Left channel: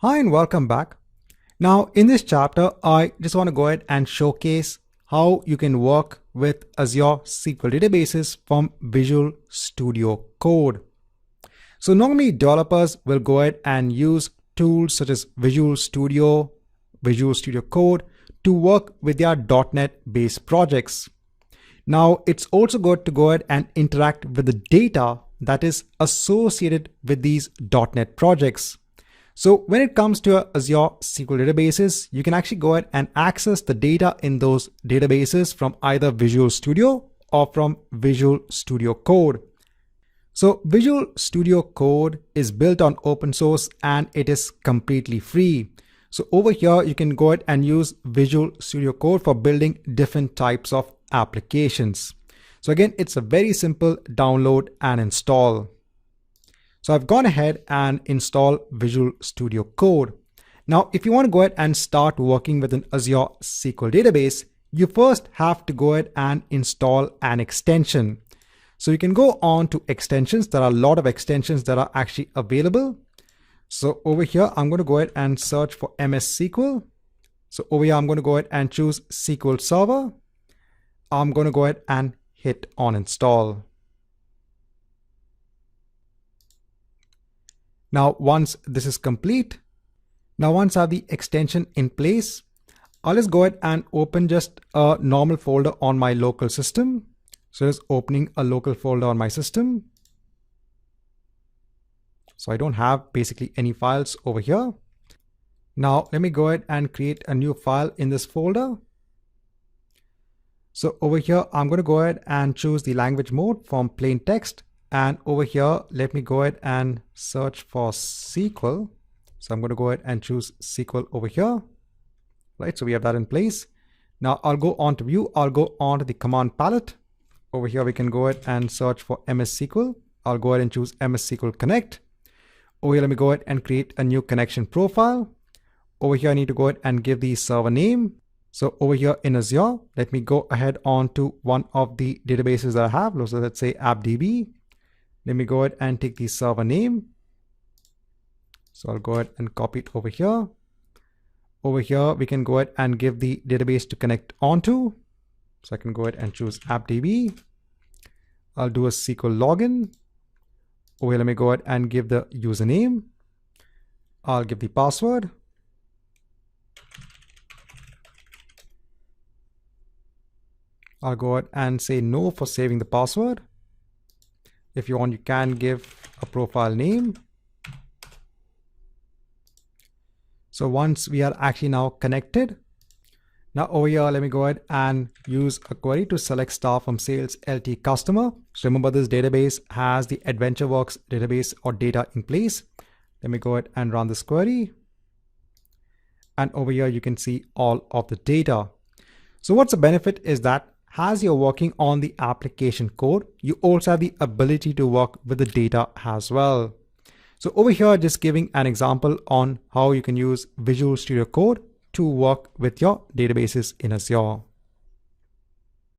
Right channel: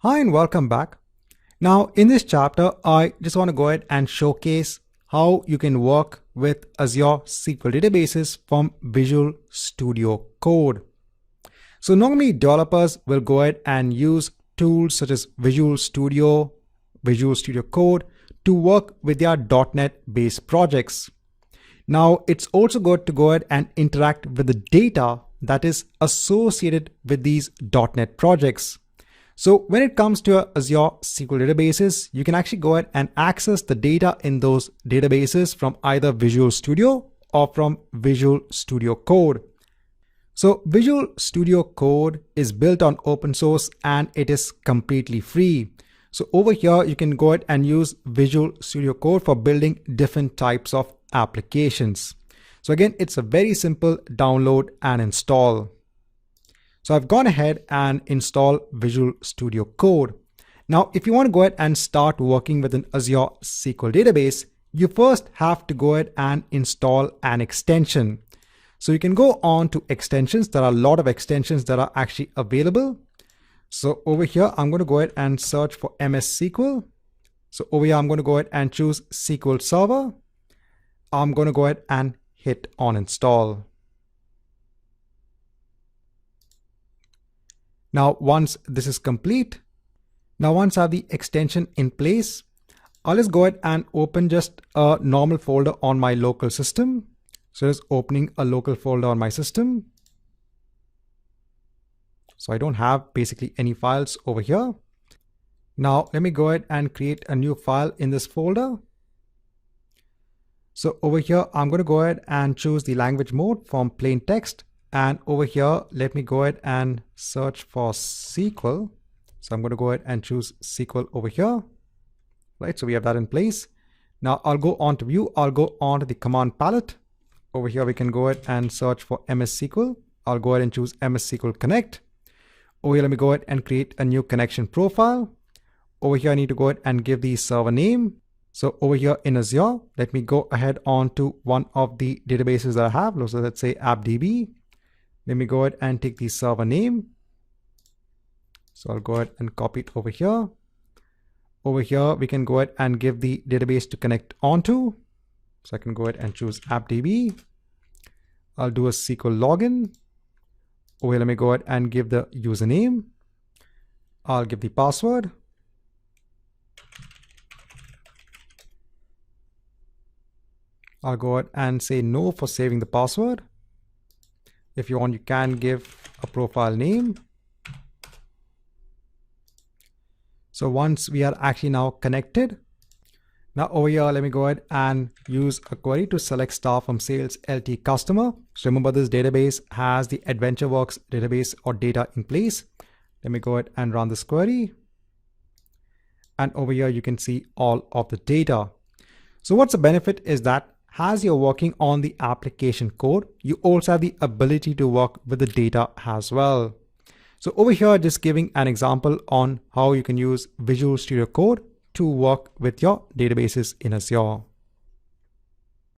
Hi and welcome back. Now in this chapter, I just want to go ahead and showcase how you can work with Azure SQL databases from Visual Studio Code. So normally developers will go ahead and use tools such as Visual Studio Code to work with their .NET based projects. Now it's also good to go ahead and interact with the data that is associated with these .NET projects. So when it comes to Azure SQL databases, you can actually go ahead and access the data in those databases from either Visual Studio or from Visual Studio Code. So Visual Studio Code is built on open source and it is completely free. So over here, you can go ahead and use Visual Studio Code for building different types of applications. So again, it's a very simple download and install. So I've gone ahead and installed Visual Studio Code. Now, if you want to go ahead and start working with an Azure SQL database, you first have to go ahead and install an extension. So you can go on to extensions. There are a lot of extensions that are actually available. So over here, I'm going to go ahead and search for MS SQL. So over here, I'm going to go ahead and choose SQL Server. I'm going to go ahead and hit on install. Now, once this is complete, once I have the extension in place, I'll just go ahead and open just a normal folder on my local system. So just opening a local folder on my system. So I don't have basically any files over here. Now let me go ahead and create a new file in this folder. So over here, I'm going to go ahead and choose the language mode from plain text. And over here, let me go ahead and search for SQL. So I'm going to go ahead and choose SQL over here. Right, so we have that in place. Now I'll go on to view. I'll go on to the command palette. Over here, we can go ahead and search for MS SQL. I'll go ahead and choose MS SQL Connect. Over here, let me go ahead and create a new connection profile. Over here, I need to go ahead and give the server name. So over here in Azure, let me go ahead on to one of the databases I have. So let's say AppDB. Let me go ahead and take the server name. So I'll go ahead and copy it over here. Over here, we can go ahead and give the database to connect onto. So I can go ahead and choose AppDB. I'll do a SQL login. Over here, let me go ahead and give the username. I'll give the password. I'll go ahead and say no for saving the password. If you want, you can give a profile name. So once we are actually now connected, now over here, let me go ahead and use a query to select star from sales LT customer. So remember, this database has the AdventureWorks database or data in place. Let me go ahead and run this query. And over here, you can see all of the data. So what's the benefit is that as you're working on the application code, you also have the ability to work with the data as well. So over here, just giving an example on how you can use Visual Studio Code to work with your databases in Azure.